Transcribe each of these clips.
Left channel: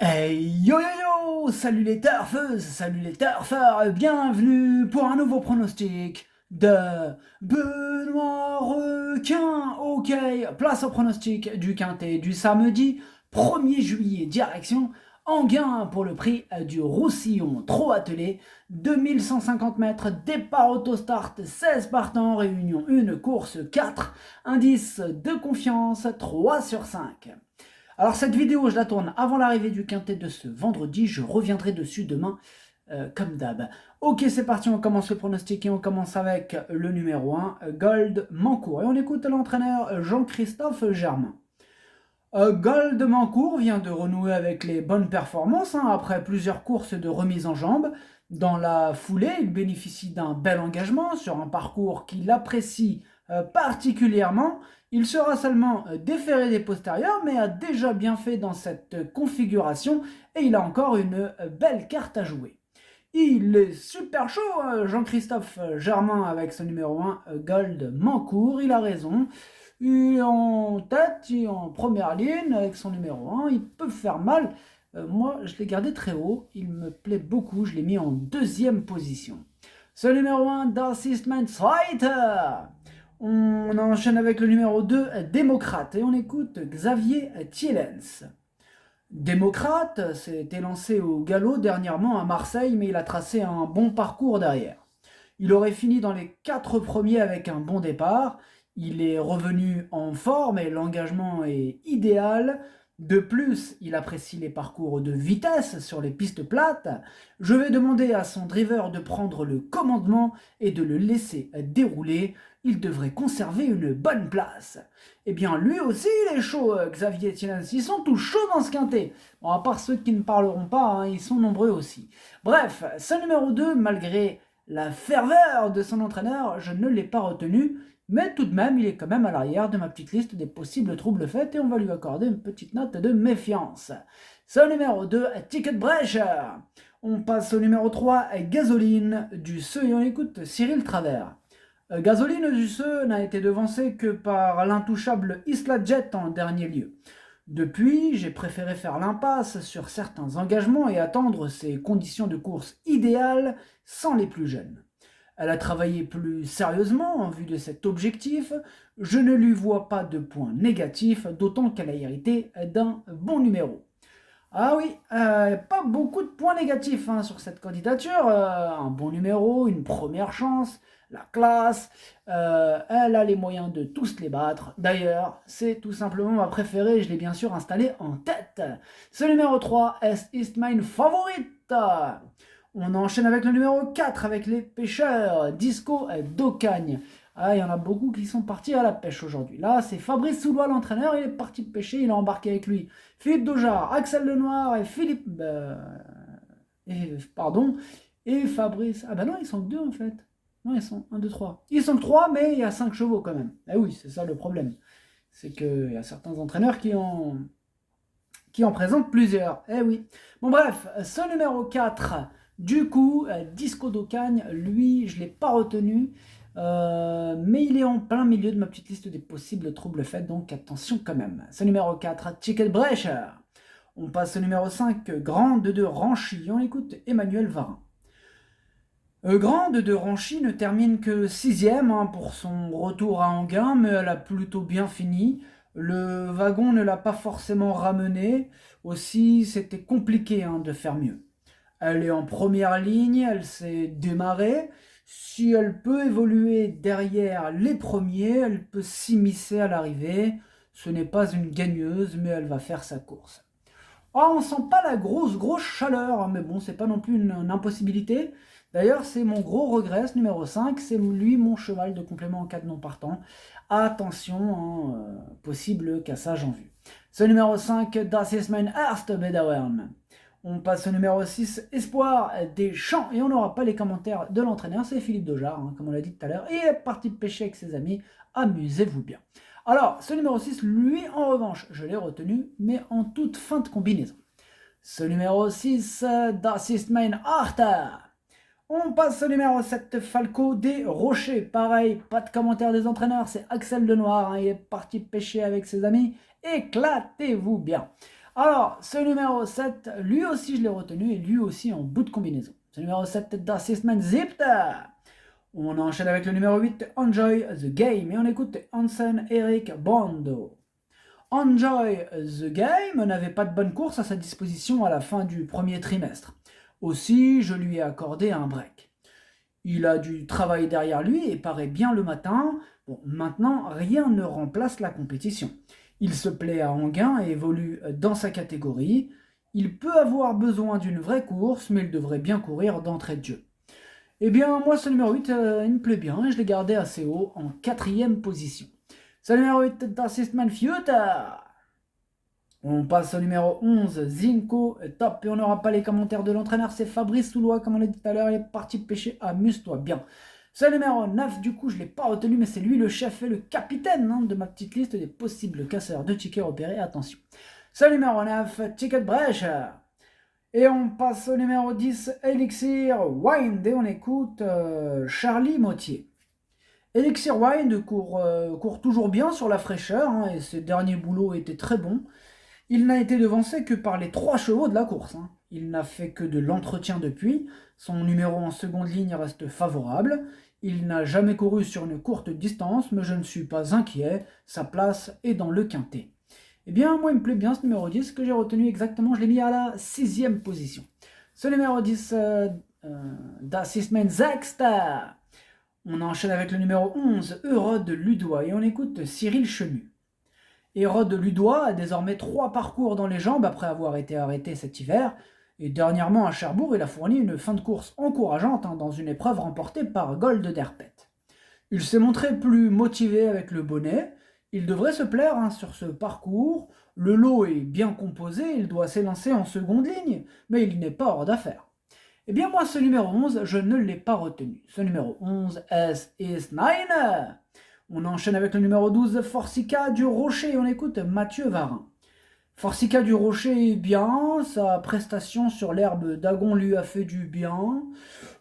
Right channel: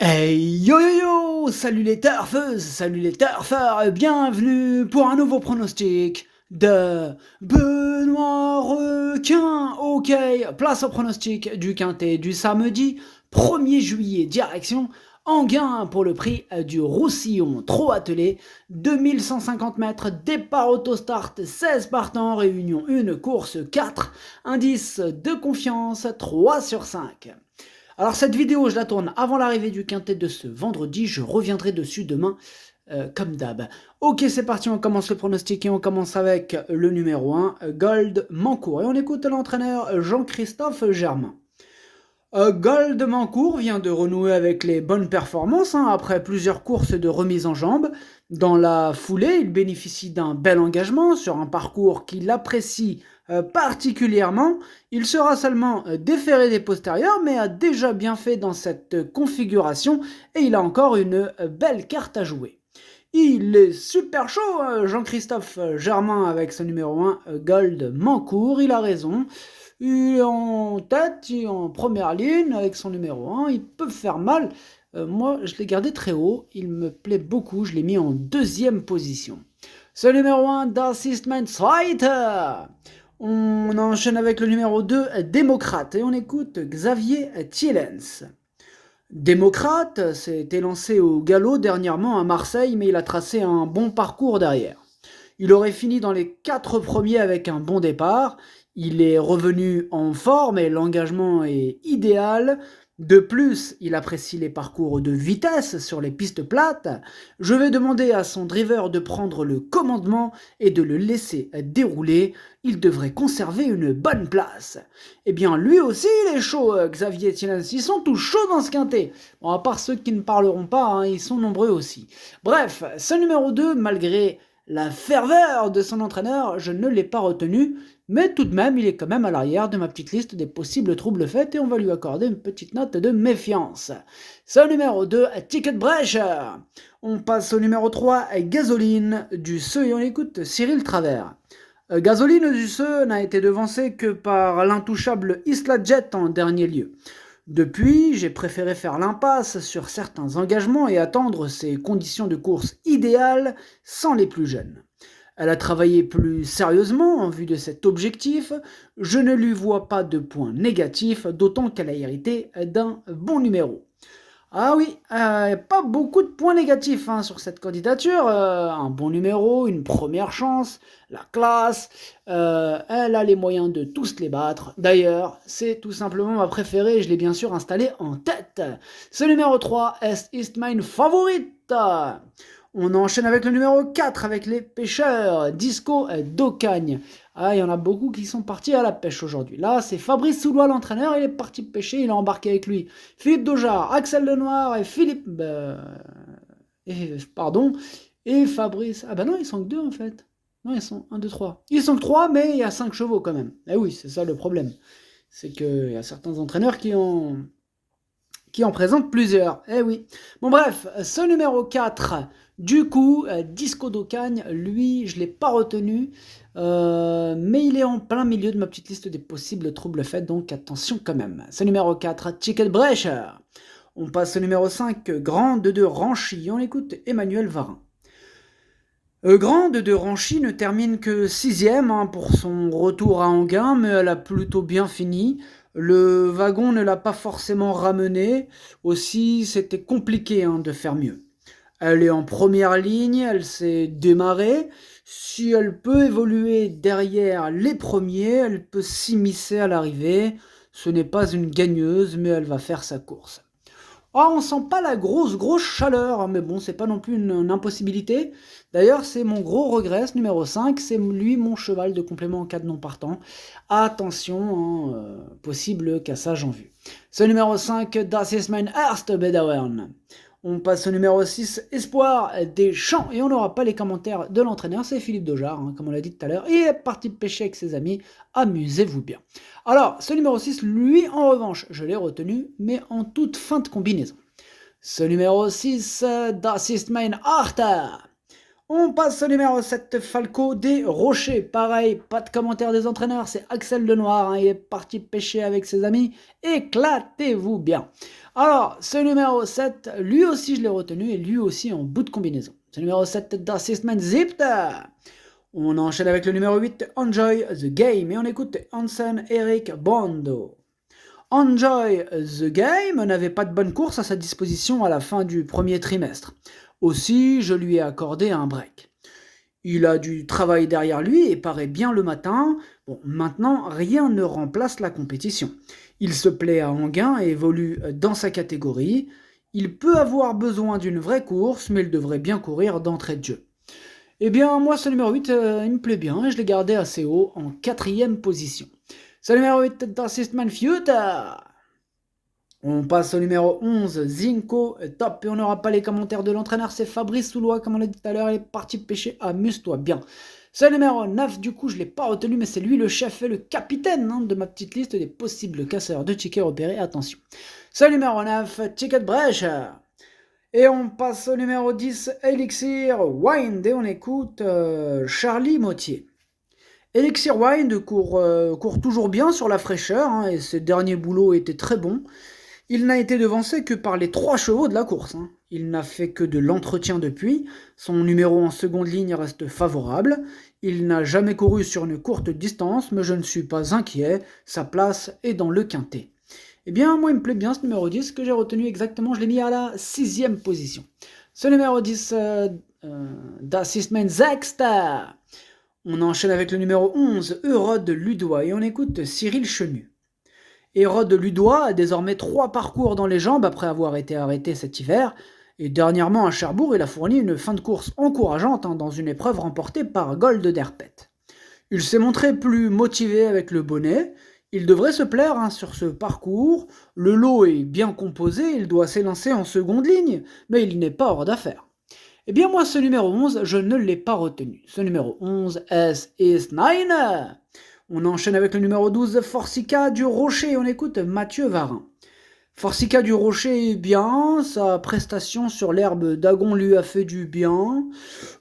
Hey yo yo yo! Salut les turfeuses, salut les turfeurs, bienvenue pour un nouveau pronostic de Benoît Requin. Ok, place au pronostic du quintet du samedi 1er juillet, direction Enghien pour le prix du Roussillon. Trop attelé, 2150 mètres, départ autostart, 16 partants, réunion 1, course 4, indice de confiance 3 sur 5. Alors cette vidéo, je la tourne avant l'arrivée du quintet de ce vendredi. Je reviendrai dessus demain, comme d'hab. Ok, c'est parti, on commence le pronostic et on commence avec le numéro 1, Gold Mancourt. Et on écoute l'entraîneur Jean-Christophe Germain. Gold Mancourt vient de renouer avec les bonnes performances après plusieurs courses de remise en jambes. Dans la foulée, il bénéficie d'un bel engagement sur un parcours qu'il apprécie particulièrement. Il sera seulement déféré des postérieurs, mais a déjà bien fait dans cette configuration et il a encore une belle carte à jouer. Il est super chaud, Jean-Christophe Germain, avec son numéro 1, Gold Mancourt. Il a raison. Il est en tête, il est en première ligne avec son numéro 1. Il peut faire mal. Moi, je l'ai gardé très haut. Il me plaît beaucoup. Je l'ai mis en deuxième position. Ce numéro 1, d'Assistment Fighter. On enchaîne avec le numéro 2, Démocrate. Et on écoute Xavier Thielens. Démocrate s'est élancé au galop dernièrement à Marseille, mais il a tracé un bon parcours derrière. Il aurait fini dans les 4 premiers avec un bon départ. Il est revenu en forme et l'engagement est idéal. De plus, il apprécie les parcours de vitesse sur les pistes plates. Je vais demander à son driver de prendre le commandement et de le laisser dérouler. Il devrait conserver une bonne place. Eh bien, lui aussi, il est chaud, Xavier Thielens. Ils sont tous chauds dans ce quintet. Bon, à part ceux qui ne parleront pas, ils sont nombreux aussi. Bref, ce numéro 2, malgré la ferveur de son entraîneur, je ne l'ai pas retenu, mais tout de même, il est quand même à l'arrière de ma petite liste des possibles troubles faits et on va lui accorder une petite note de méfiance. Ce numéro 2, Ticket Brecher. On passe au numéro 3, Gasoline du Seu et on écoute Cyril Travers. Gasoline du Seu n'a été devancé que par l'intouchable Isla Jet en dernier lieu. Depuis, j'ai préféré faire l'impasse sur certains engagements et attendre ses conditions de course idéales sans les plus jeunes. Elle a travaillé plus sérieusement en vue de cet objectif. Je ne lui vois pas de points négatifs, d'autant qu'elle a hérité d'un bon numéro. Ah oui, pas beaucoup de points négatifs sur cette candidature. Un bon numéro, une première chance, la classe. Elle a les moyens de tous les battre. D'ailleurs, c'est tout simplement ma préférée et je l'ai bien sûr installée en tête. Ce numéro 3, est mine favorite. On enchaîne avec le numéro 4 avec les pêcheurs, Disco d'Ocagne. Ah, il y en a beaucoup qui sont partis à la pêche aujourd'hui. Là, c'est Fabrice Soulois, l'entraîneur, il est parti pêcher, il a embarqué avec lui Philippe Daujar, Axel Lenoir et Philippe... pardon, et Fabrice... Ah bah non, ils sont que deux en fait. Non, ils sont 1, 2, 3. Ils sont que 3, mais il y a 5 chevaux quand même. Eh oui, c'est ça le problème. C'est qu'il y a certains entraîneurs qui en présentent plusieurs. Eh oui. Bon bref, ce numéro 4, du coup, Disco d'Ocagne, lui, je ne l'ai pas retenu, mais il est en plein milieu de ma petite liste des possibles troubles faits, donc attention quand même. Ce numéro 4, Ticket Brecher. On passe au numéro 5, Grande de Ranchy. On écoute Emmanuel Varin. Grande de Ranchy ne termine que 6ème pour son retour à Enghien, mais elle a plutôt bien fini. Le wagon ne l'a pas forcément ramené, aussi c'était compliqué de faire mieux. Elle est en première ligne, elle s'est démarrée. Si elle peut évoluer derrière les premiers, elle peut s'immiscer à l'arrivée. Ce n'est pas une gagneuse, mais elle va faire sa course. Ah, on sent pas la grosse chaleur, mais bon, c'est pas non plus une impossibilité. D'ailleurs, c'est mon gros regret, ce numéro 5, c'est lui mon cheval de complément en cas de non partant. Attention, possible cassage en vue. Ce numéro 5, Das ist mein erster Bedauern. On passe au numéro 6, Espoir des Champs, et on n'aura pas les commentaires de l'entraîneur, c'est Philippe Daujar, comme on l'a dit tout à l'heure. Il est parti pêcher avec ses amis, amusez-vous bien. Alors, ce numéro 6, lui, en revanche, je l'ai retenu, mais en toute fin de combinaison. Ce numéro 6, Das ist mein Achter. On passe au numéro 7, Falco des Rochers. Pareil, pas de commentaire des entraîneurs, c'est Axel Lenoir, il est parti pêcher avec ses amis. Éclatez-vous bien. Alors, ce numéro 7, lui aussi je l'ai retenu et lui aussi en bout de combinaison. Ce numéro 7, Das ist mein Siebter. On enchaîne avec le numéro 8, Enjoy the Game, et on écoute Hansen Eric Bondo. Enjoy the Game n'avait pas de bonne course à sa disposition à la fin du premier trimestre. Aussi, je lui ai accordé un break. Il a du travail derrière lui et paraît bien le matin. Bon, maintenant, rien ne remplace la compétition. Il se plaît à Enghien et évolue dans sa catégorie. Il peut avoir besoin d'une vraie course, mais il devrait bien courir d'entrée de jeu. Eh bien, moi, ce numéro 8, il me plaît bien et je l'ai gardé assez haut en 4e position. Ce numéro 8, Das ist mein Future. On passe au numéro 11, Zinco, top, et on n'aura pas les commentaires de l'entraîneur, c'est Fabrice Soulois, comme on l'a dit tout à l'heure, il est parti pêcher, amuse-toi bien. Ce numéro 9, du coup, je ne l'ai pas retenu, mais c'est lui le chef et le capitaine de ma petite liste des possibles casseurs de tickets repérés, attention. Ce numéro 9, Ticket Brecher. Et on passe au numéro 10, Elixir Wind, et on écoute Charlie Mottier. Elixir Wind court toujours bien sur la fraîcheur, et ses derniers boulots étaient très bons. Il n'a été devancé que par les 3 chevaux de la course. Il n'a fait que de l'entretien depuis. Son numéro en seconde ligne reste favorable. Il n'a jamais couru sur une courte distance, mais je ne suis pas inquiet. Sa place est dans le quintet. Eh bien, moi, il me plaît bien ce numéro 10, que j'ai retenu exactement. Je l'ai mis à la 6e position. Ce numéro 10, Das ist mein Sechster. On enchaîne avec le numéro 11, Eurode Ludois, et on écoute Cyril Chenu. Hérode Ludois a désormais 3 parcours dans les jambes après avoir été arrêté cet hiver, et dernièrement à Cherbourg, il a fourni une fin de course encourageante dans une épreuve remportée par Gold Derpet. Il s'est montré plus motivé avec le bonnet, il devrait se plaire sur ce parcours, le lot est bien composé, il doit s'élancer en seconde ligne, mais il n'est pas hors d'affaire. Eh bien moi ce numéro 11, je ne l'ai pas retenu. Ce numéro 11, S is 9. On enchaîne avec le numéro 12, Forsica du Rocher, on écoute Mathieu Varin. Forsica du Rocher est bien, sa prestation sur l'herbe d'Agon lui a fait du bien.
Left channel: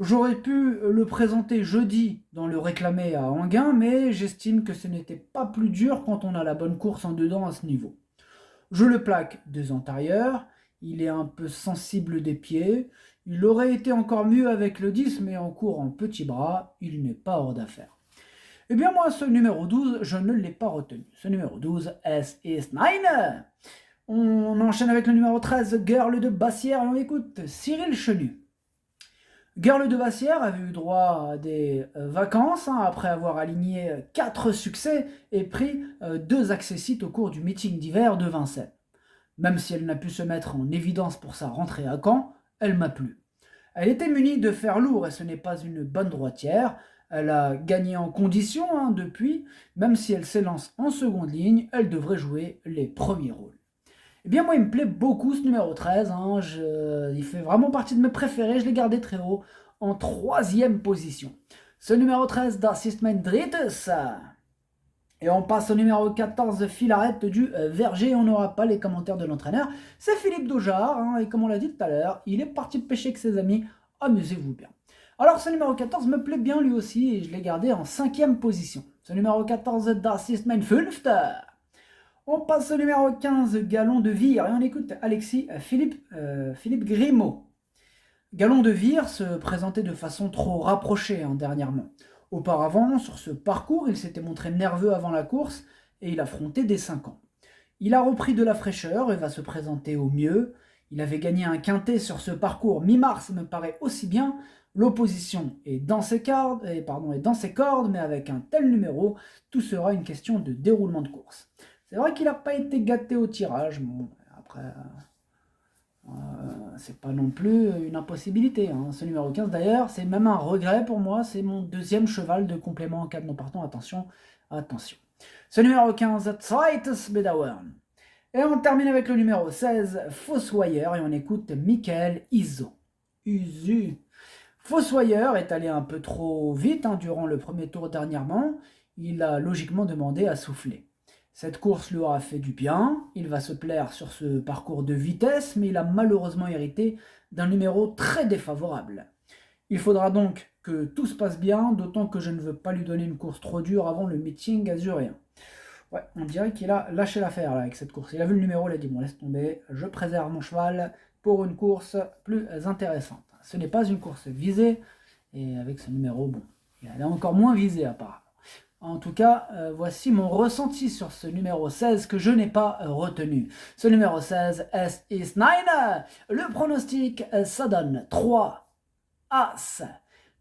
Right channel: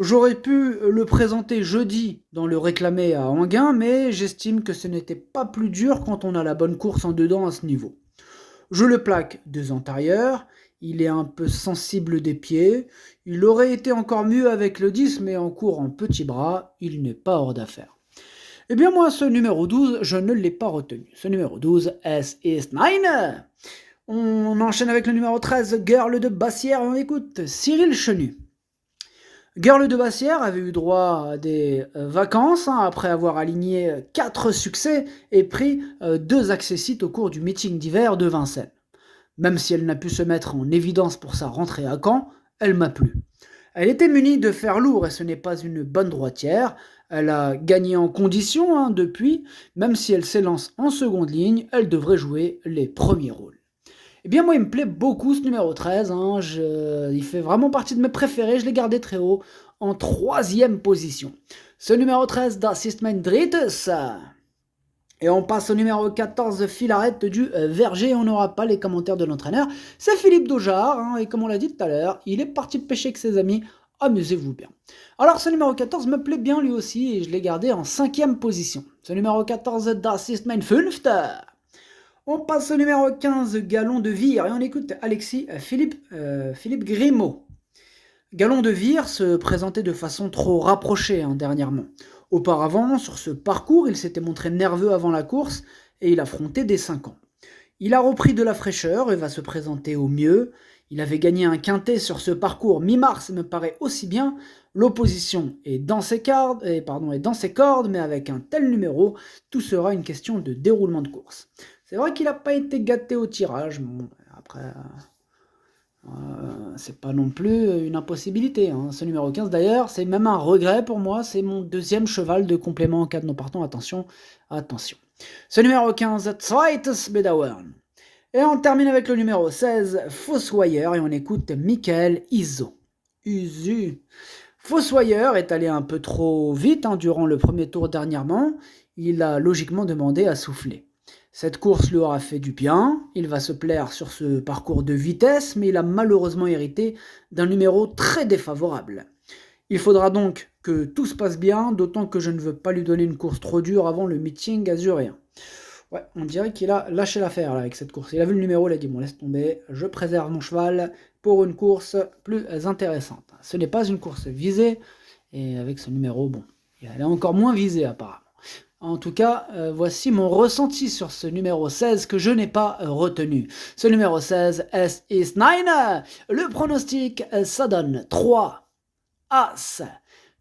J'aurais pu le présenter jeudi dans le réclamé à Enghien, mais j'estime que ce n'était pas plus dur quand on a la bonne course en dedans à ce niveau. Je le plaque 2 antérieurs, il est un peu sensible des pieds, il aurait été encore mieux avec le 10, mais en court en petits bras, il n'est pas hors d'affaire. Eh bien moi, ce numéro 12, je ne l'ai pas retenu. Ce numéro 12, S is 9. On enchaîne avec le numéro 13, Girl de Bassière, et on écoute Cyril Chenu. Girl de Bassière avait eu droit à des vacances, après avoir aligné 4 succès et pris 2 accessites au cours du meeting d'hiver de Vincennes. Même si elle n'a pu se mettre en évidence pour sa rentrée à Caen, elle m'a plu. Elle était munie de fer lourd et ce n'est pas une bonne droitière. Elle a gagné en condition depuis, même si elle s'élance en seconde ligne, elle devrait jouer les premiers rôles. Eh bien moi il me plaît beaucoup ce numéro 13, il fait vraiment partie de mes préférés, je l'ai gardé très haut, en 3e position. Ce numéro 13, Das ist mein Drittes. Et on passe au numéro 14, Filaret du Verger, on n'aura pas les commentaires de l'entraîneur, c'est Philippe Daujard, et comme on l'a dit tout à l'heure, il est parti pêcher avec ses amis, amusez-vous bien. Alors ce numéro 14 me plaît bien lui aussi, et je l'ai gardé en 5e position. Ce numéro 14, Das ist mein Fünfter. On passe au numéro 15, Galon de Vire, et on écoute Philippe Grimaud. Galon de Vire se présentait de façon trop rapprochée dernièrement. Auparavant, sur ce parcours, il s'était montré nerveux avant la course et il affrontait des 5 ans. Il a repris de la fraîcheur et va se présenter au mieux. Il avait gagné un quintet sur ce parcours mi-mars, me paraît aussi bien. L'opposition est dans ses cordes, mais avec un tel numéro, tout sera une question de déroulement de course. C'est vrai qu'il n'a pas été gâté au tirage, bon, après... c'est pas non plus une impossibilité. Ce numéro 15 d'ailleurs, c'est même un regret pour moi, c'est mon 2e cheval de complément en cas de non partant, attention. Ce numéro 15, Zweites Bedauern. Et on termine avec le numéro 16, Fossoyeur, et on écoute Michael Uzu. Fossoyeur est allé un peu trop vite durant le premier tour dernièrement, il a logiquement demandé à souffler. Cette course lui aura fait du bien, il va se plaire sur ce parcours de vitesse, mais il a malheureusement hérité d'un numéro très défavorable. Il faudra donc que tout se passe bien, d'autant que je ne veux pas lui donner une course trop dure avant le meeting azuréen. Ouais, on dirait qu'il a lâché l'affaire là avec cette course. Il a vu le numéro, il a dit bon laisse tomber, je préserve mon cheval pour une course plus intéressante. Ce n'est pas une course visée, et avec ce numéro, bon, elle est encore moins visée apparemment. En tout cas, voici mon ressenti sur ce numéro 16 que je n'ai pas retenu. Ce numéro 16, S is 9. Le pronostic, ça donne 3, As,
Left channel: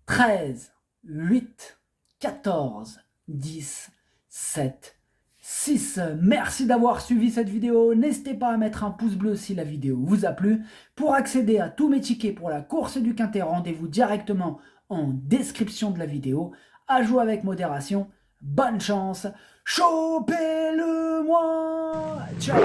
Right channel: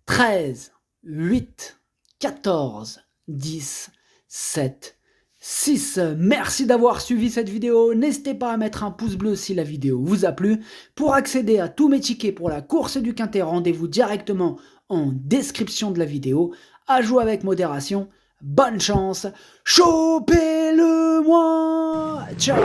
13, 8, 14, 10, 7, 6. Merci d'avoir suivi cette vidéo. N'hésitez pas à mettre un pouce bleu si la vidéo vous a plu. Pour accéder à tous mes tickets pour la course du Quintet, rendez-vous directement en description de la vidéo. À jouer avec modération. Bonne chance. Chopez-le-moi. Ciao.